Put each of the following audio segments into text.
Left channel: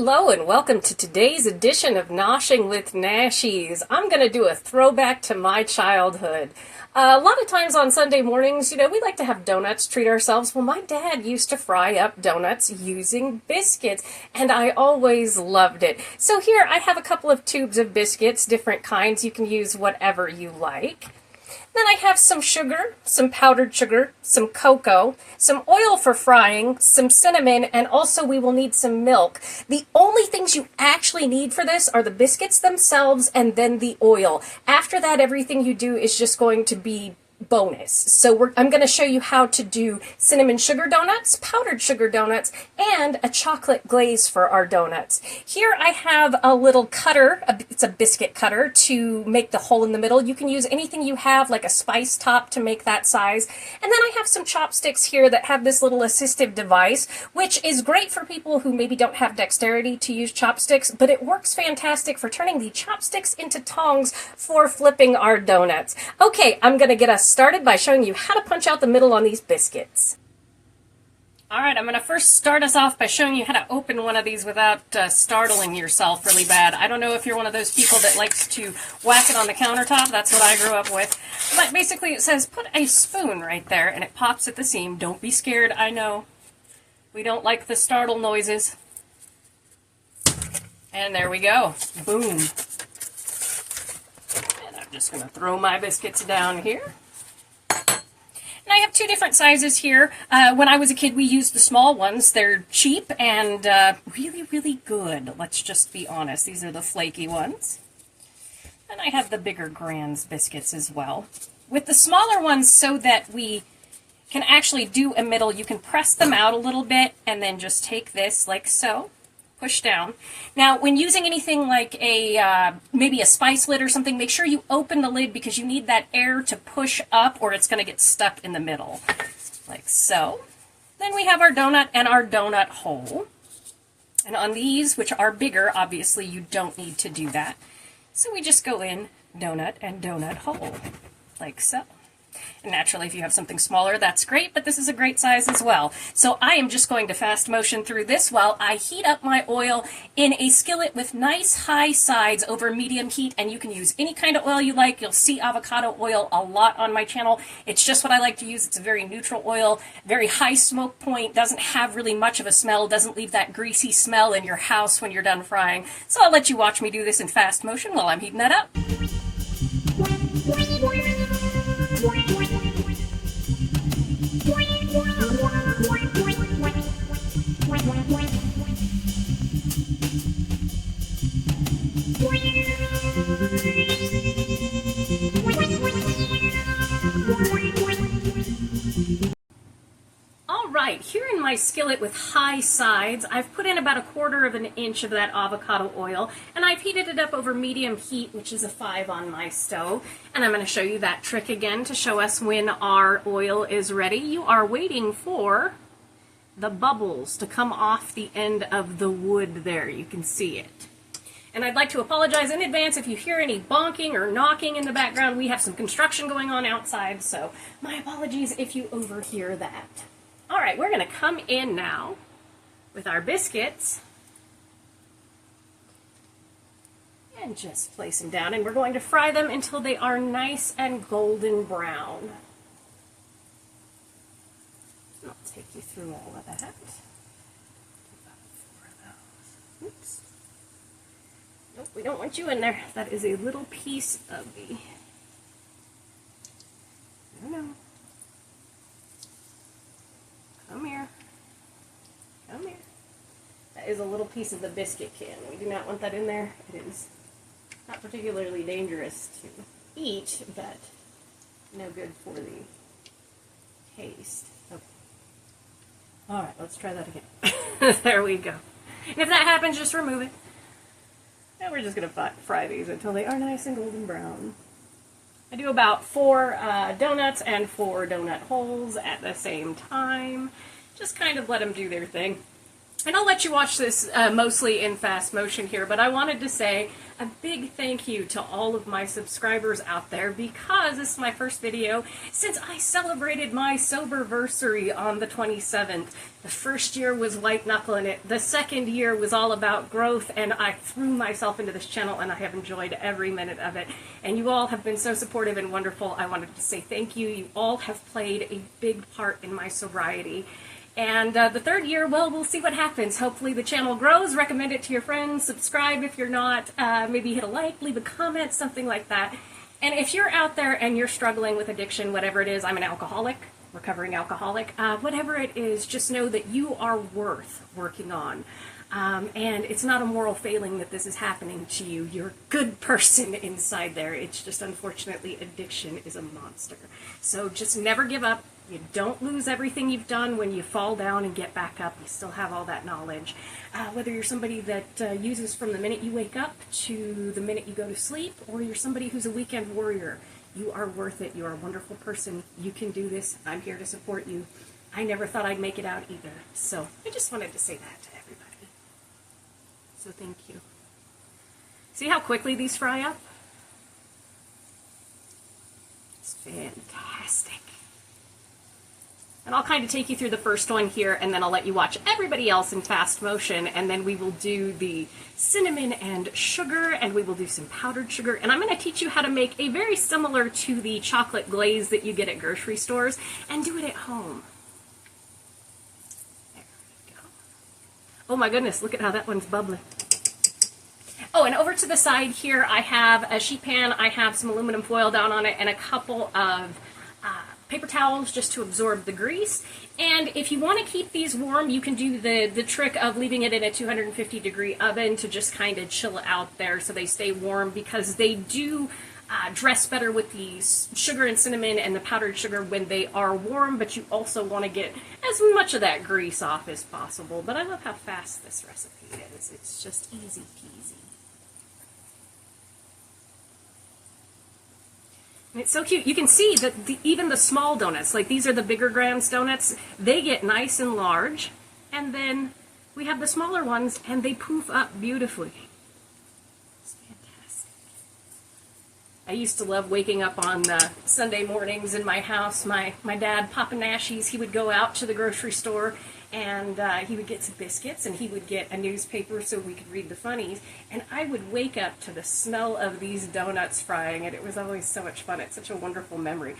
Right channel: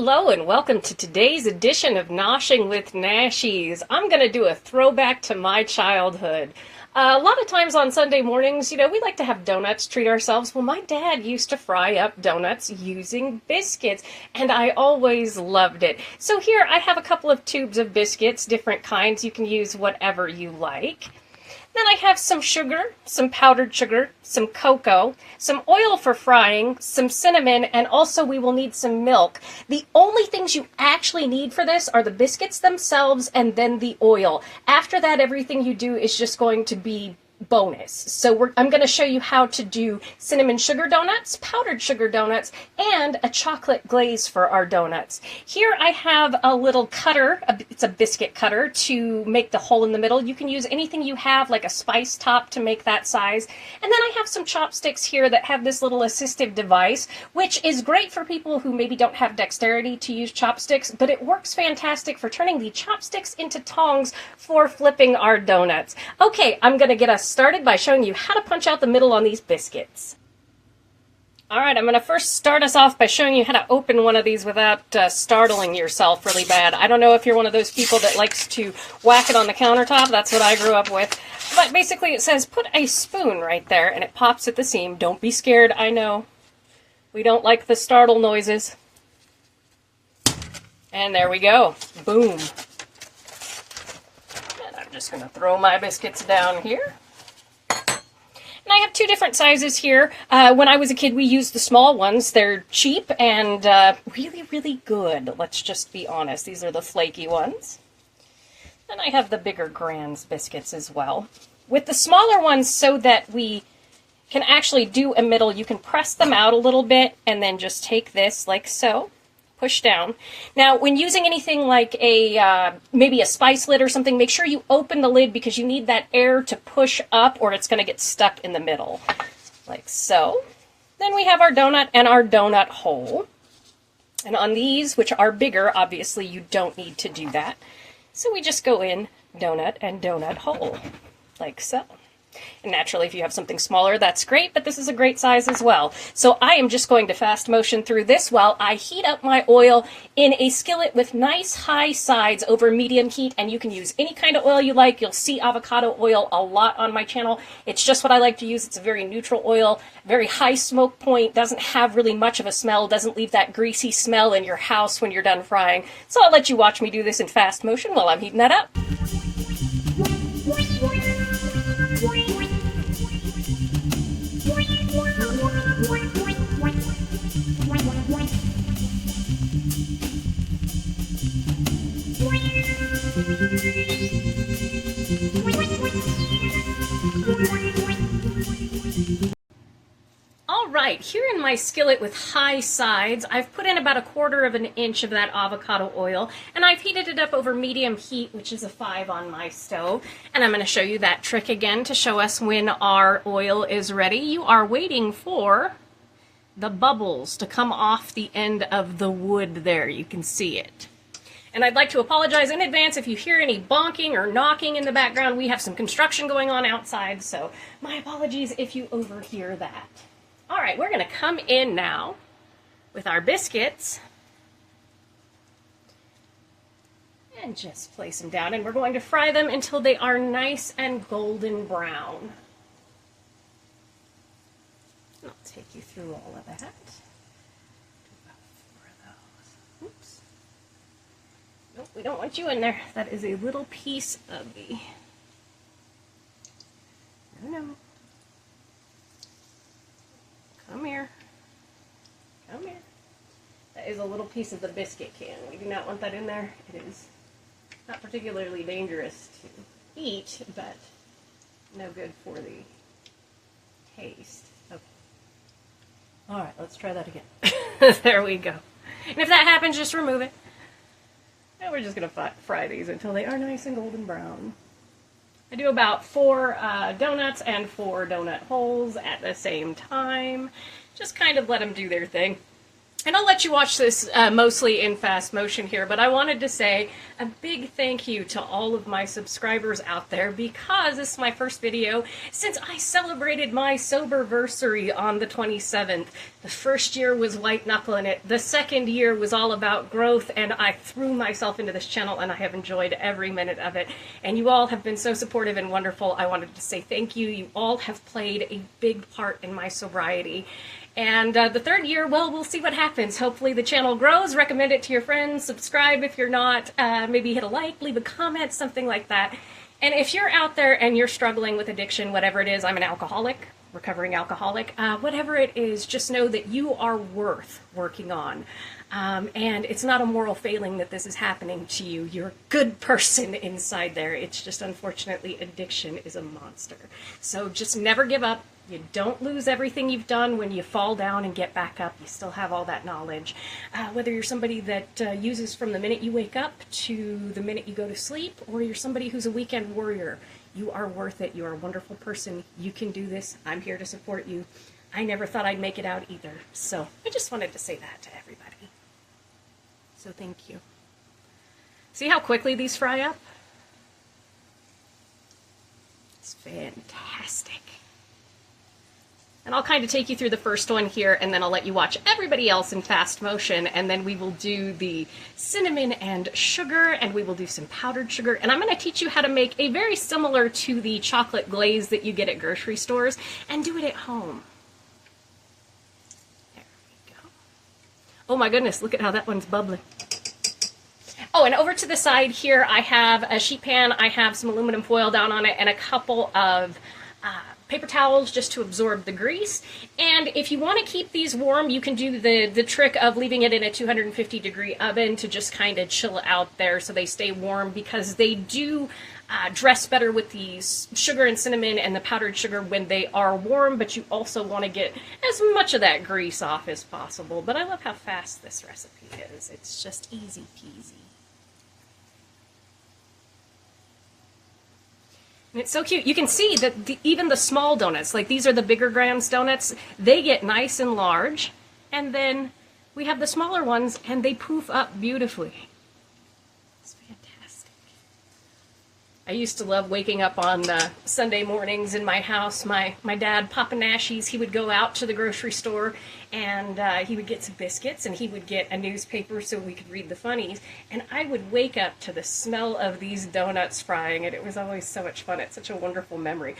Hello and welcome to today's edition of Noshing with Nashies. I'm going to do a throwback to my childhood. A lot of times on Sunday mornings, we like to have donuts, treat ourselves. Well, my dad used to fry up donuts using biscuits, and I always loved it. So here I have a couple of tubes of biscuits, different kinds. You can use whatever you like. Then I have some sugar, some powdered sugar, some cocoa, some oil for frying, some cinnamon, and also we will need some milk. The only things you actually need for this are the biscuits themselves and then the oil. After that, everything you do is just going to be bonus. So I'm going to show you how to do cinnamon sugar donuts, powdered sugar donuts, and a chocolate glaze for our donuts. Here I have a little cutter, it's a biscuit cutter, to make the hole in the middle. You can use anything you have, like a spice top to make that size. And then I have some chopsticks here that have this little assistive device, which is great for people who maybe don't have dexterity to use chopsticks, but it works fantastic for turning the chopsticks into tongs for flipping our donuts. Okay, I'm going to get us started by showing you how to punch out the middle on these biscuits. Alright, I'm going to first start us off by showing you how to open one of these without startling yourself really bad. I don't know if you're one of those people that likes to whack it on the countertop. That's what I grew up with. But basically it says put a spoon right there and it pops at the seam. Don't be scared, I know. We don't like the startle noises. And there we go. Boom. And I'm just going to throw my biscuits down here. And I have two different sizes here. When I was a kid, we used the small ones. They're cheap and really, really good. Let's just be honest. These are the flaky ones. And I have the bigger Grands biscuits as well. With the smaller ones, so that we can actually do a middle, you can press them out a little bit and then just take this like so. Push down. Now, when using anything like maybe a spice lid or something, make sure you open the lid because you need that air to push up or it's going to get stuck in the middle, like so. Then we have our donut and our donut hole. And on these, which are bigger, obviously you don't need to do that. So we just go in donut and donut hole, like so. And naturally, if you have something smaller, that's great, but this is a great size as well. So I am just going to fast motion through this while I heat up my oil in a skillet with nice high sides over medium heat, and you can use any kind of oil you like. You'll see avocado oil a lot on my channel. It's just what I like to use. It's a very neutral oil, very high smoke point, doesn't have really much of a smell, doesn't leave that greasy smell in your house when you're done frying. So I'll let you watch me do this in fast motion while I'm heating that up. Alright, here in my skillet with high sides, I've put in about 1/4 of an inch of that avocado oil, and I've heated it up over medium heat, which is a 5 on my stove. And I'm going to show you that trick again to show us when our oil is ready. You are waiting for the bubbles to come off the end of the wood there. You can see it. And I'd like to apologize in advance if you hear any bonking or knocking in the background. We have some construction going on outside, so my apologies if you overhear that. All right, we're going to come in now with our biscuits and just place them down, and we're going to fry them until they are nice and golden brown. I'll take you through all of that. Oops. Nope, we don't want you in there. That is a little piece of the... No. Come here. Come here. That is a little piece of the biscuit can. We do not want that in there. It is not particularly dangerous to eat, but no good for the taste. Okay. All right, let's try that again. There we go. And if that happens, just remove it. And we're just going to fry these until they are nice and golden brown. I do about 4 donuts and 4 donut holes at the same time. Just kind of let them do their thing. And I'll let you watch this mostly in fast motion here, but I wanted to say a big thank you to all of my subscribers out there, because this is my first video since I celebrated my soberversary on the 27th. The first year was white knuckling it. The second year was all about growth, and I threw myself into this channel and I have enjoyed every minute of it. And you all have been so supportive and wonderful. I wanted to say thank you. You all have played a big part in my sobriety. And the third year, well, we'll see what happens. Hopefully the channel grows. Recommend it to your friends. Subscribe if you're not. Maybe hit a like, leave a comment, something like that. And if you're out there and you're struggling with addiction, whatever it is, I'm an alcoholic, recovering alcoholic, whatever it is, just know that you are worth working on. And it's not a moral failing that this is happening to you. You're a good person inside there. It's just, unfortunately, addiction is a monster. So just never give up. You don't lose everything you've done when you fall down and get back up. You still have all that knowledge. Whether you're somebody that uses from the minute you wake up to the minute you go to sleep, or you're somebody who's a weekend warrior, you are worth it. You're a wonderful person. You can do this. I'm here to support you. I never thought I'd make it out either. So I just wanted to say that to everybody. So thank you. See how quickly these fry up? It's fantastic. And I'll kind of take you through the first one here, and then I'll let you watch everybody else in fast motion, and then we will do the cinnamon and sugar, and we will do some powdered sugar, and I'm going to teach you how to make a very similar to the chocolate glaze that you get at grocery stores, and do it at home. There we go. Oh my goodness, look at how that one's bubbling. Oh, and over to the side here, I have a sheet pan, I have some aluminum foil down on it, and a couple of paper towels just to absorb the grease. And if you want to keep these warm, you can do the trick of leaving it in a 250-degree oven to just kind of chill out there so they stay warm, because they do dress better with the sugar and cinnamon and the powdered sugar when they are warm, but you also want to get as much of that grease off as possible. But I love how fast this recipe is. It's just easy peasy. It's so cute. You can see that even the small donuts, like these are the bigger Grand's donuts, they get nice and large. And then we have the smaller ones, and they poof up beautifully. It's fantastic. I used to love waking up on Sunday mornings in my house. My dad, Papa Nashies, he would go out to the grocery store, and he would get some biscuits, and he would get a newspaper so we could read the funnies, and I would wake up to the smell of these donuts frying, and it was always so much fun. It's such a wonderful memory.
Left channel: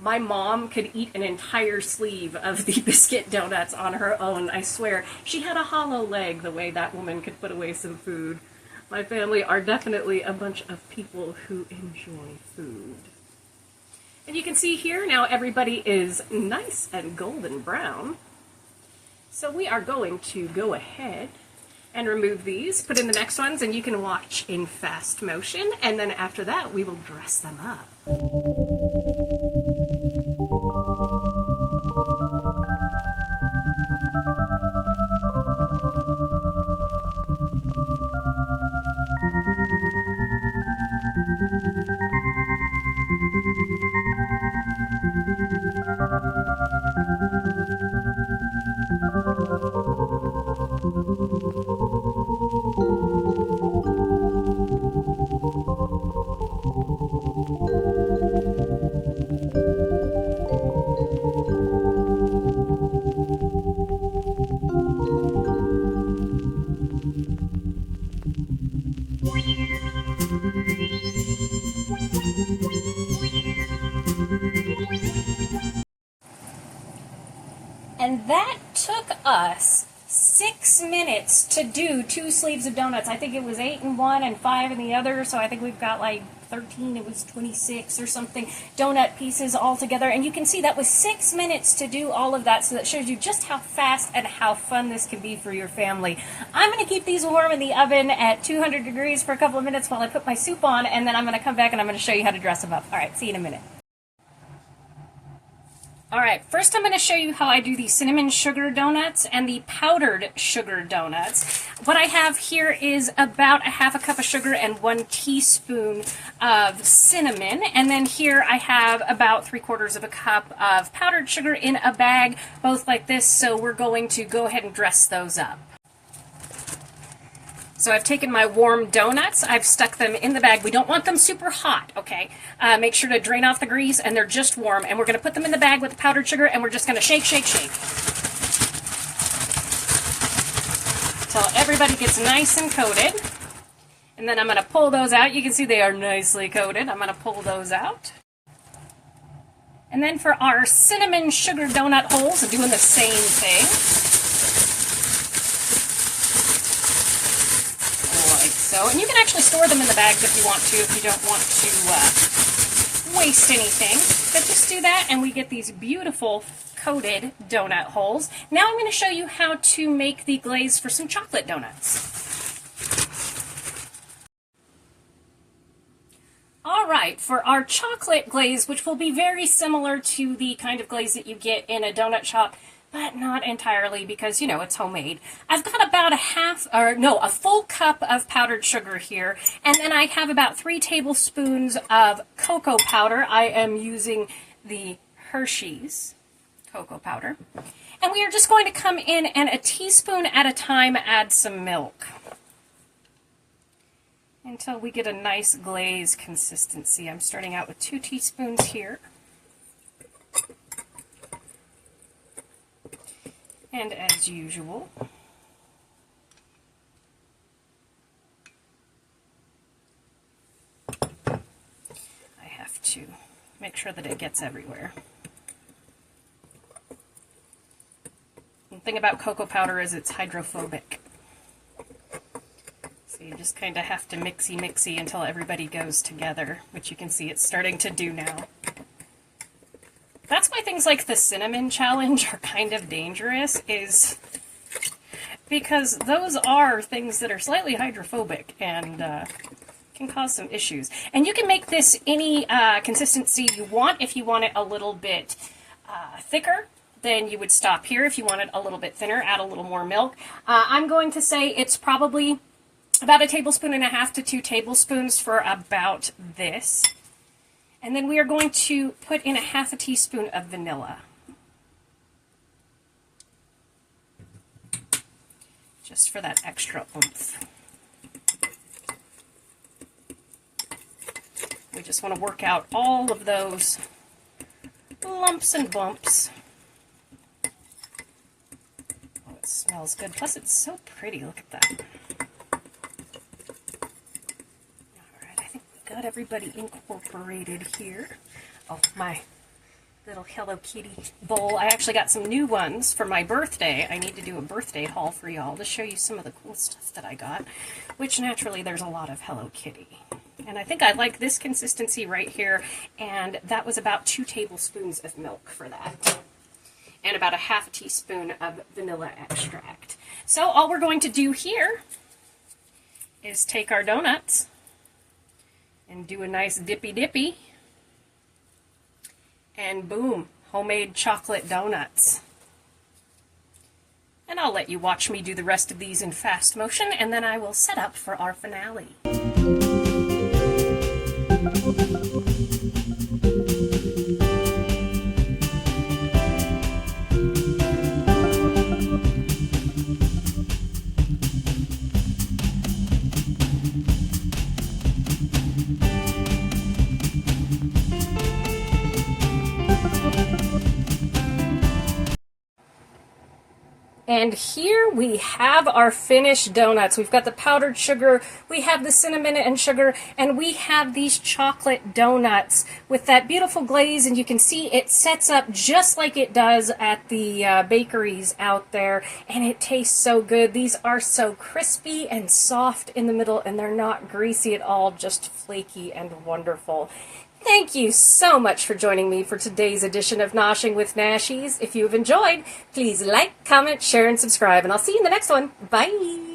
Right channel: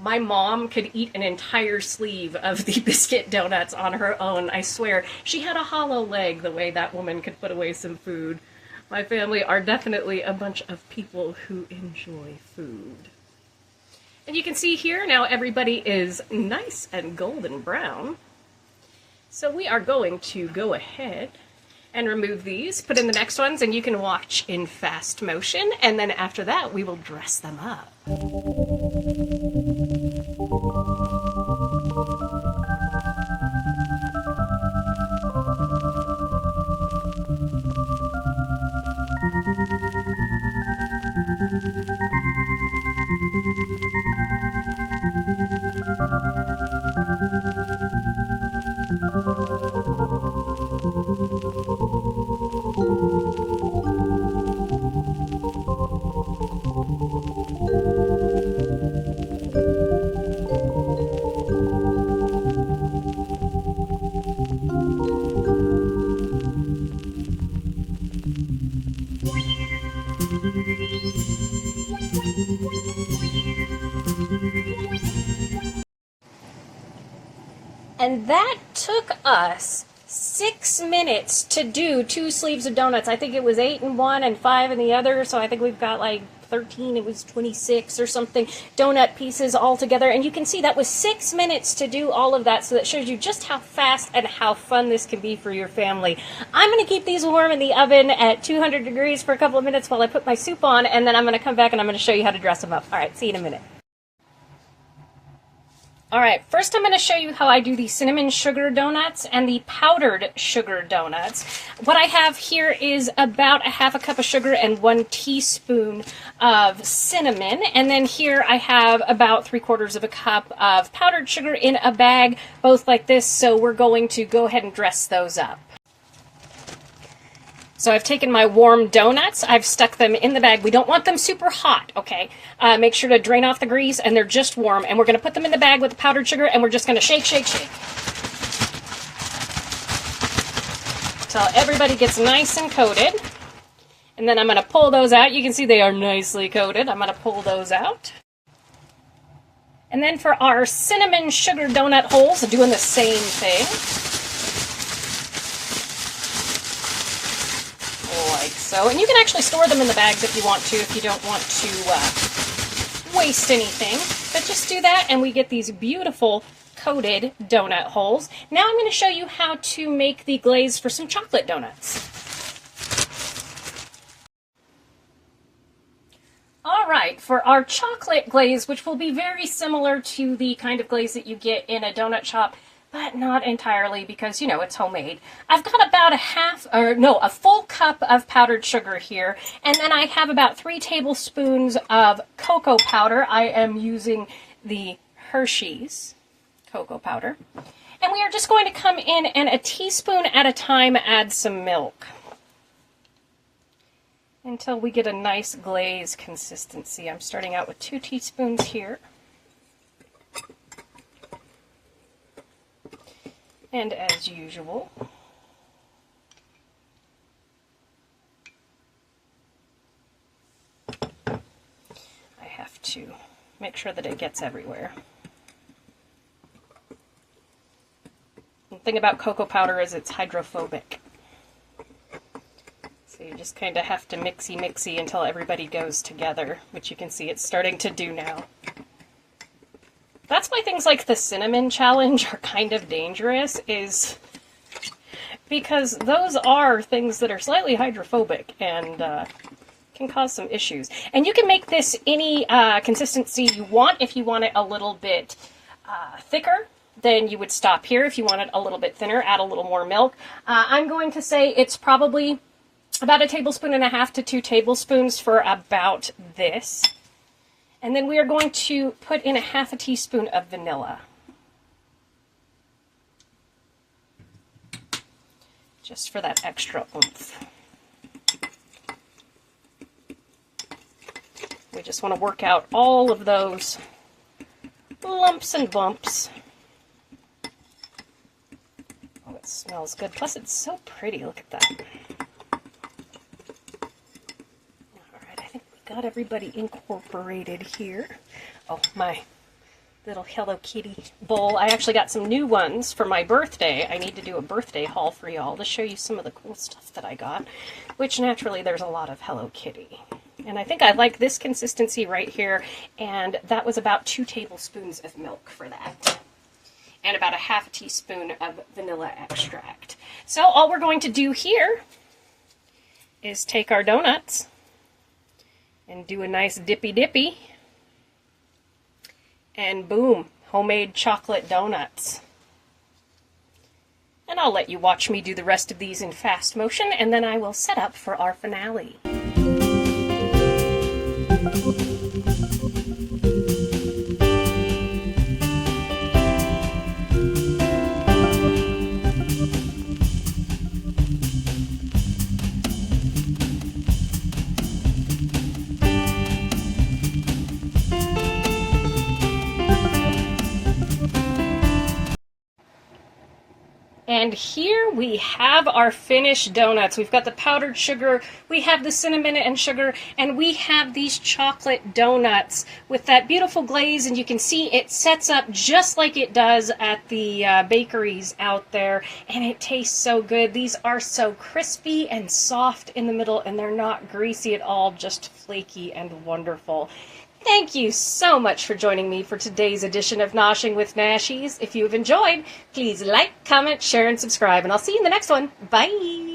My mom could eat an entire sleeve of the biscuit donuts on her own. I swear, she had a hollow leg the way that woman could put away some food. My family are definitely a bunch of people who enjoy food. And you can see here now everybody is nice and golden brown. So we are going to go ahead and remove these, put in the next ones, and you can watch in fast motion, and then after that we will dress them up. And that took us 6 minutes to do 2 sleeves of donuts. I think it was 8 in one and 5 in the other, so I think we've got like 13, it was 26 or something, donut pieces all together. And you can see that was 6 minutes to do all of that, so that shows you just how fast and how fun this can be for your family. I'm going to keep these warm in the oven at 200 degrees for a couple of minutes while I put my soup on, and then I'm going to come back and I'm going to show you how to dress them up. All right, see you in a minute. All right, first I'm going to show you how I do the cinnamon sugar donuts and the powdered sugar donuts. What I have here is about a half a cup of sugar and 1 teaspoon of cinnamon. And then here I have about 3/4 of a cup of powdered sugar in a bag, both like this. So we're going to go ahead and dress those up. So I've taken my warm donuts, I've stuck them in the bag. We don't want them super hot, okay? Make sure to drain off the grease, and they're just warm. And we're going to put them in the bag with the powdered sugar, and we're just going to shake, shake, shake. Until everybody gets nice and coated. And then I'm going to pull those out. You can see they are nicely coated. I'm going to pull those out. And then for our cinnamon sugar donut holes, I'm doing the same thing. Like so. And you can actually store them in the bags if you want to, if you don't want to waste anything. But just do that, and we get these beautiful coated donut holes. Now I'm going to show you how to make the glaze for some chocolate donuts. All right, for our chocolate glaze, which will be very similar to the kind of glaze that you get in a donut shop, but not entirely because, you know, it's homemade. I've got about a full cup of powdered sugar here, and then I have about 3 tablespoons of cocoa powder. I am using the Hershey's cocoa powder. And we are just going to come in and a teaspoon at a time add some milk until we get a nice glaze consistency. I'm starting out with 2 teaspoons here. And as usual, I have to make sure that it gets everywhere. The thing about cocoa powder is it's hydrophobic. So you just kind of have to mixy until everybody goes together, which you can see it's starting to do now. That's why things like the cinnamon challenge are kind of dangerous, is because those are things that are slightly hydrophobic and can cause some issues. And you can make this any consistency you want. If you want it a little bit thicker, then you would stop here. If you want it a little bit thinner, add a little more milk. I'm going to say it's probably about 1.5 tablespoons to 2 tablespoons for about this. And then we are going to put in 1/2 teaspoon of vanilla. Just for that extra oomph. We just want to work out all of those lumps and bumps. Oh, it smells good. Plus, it's so pretty. Look at that. Got everybody incorporated here. Oh, my little Hello Kitty bowl. I actually got some new ones for my birthday. I need to do a birthday haul for y'all to show you some of the cool stuff that I got, which naturally there's a lot of Hello Kitty. And I think I like this consistency right here, and that was about 2 tablespoons of milk for that. And about 1/2 teaspoon of vanilla extract. So all we're going to do here is take our donuts and do a nice dippy, and boom, homemade chocolate donuts. And I'll let you watch me do the rest of these in fast motion, and then I will set up for our finale. And here we have our finished donuts. We've got the powdered sugar, we have the cinnamon and sugar, and we have these chocolate donuts with that beautiful glaze. And you can see it sets up just like it does at the bakeries out there. And it tastes so good. These are so crispy and soft in the middle, and they're not greasy at all, just flaky and wonderful. Thank you so much for joining me for today's edition of Noshing with Nashies. If you've enjoyed, please like, comment, share, and subscribe, and I'll see you in the next one. Bye!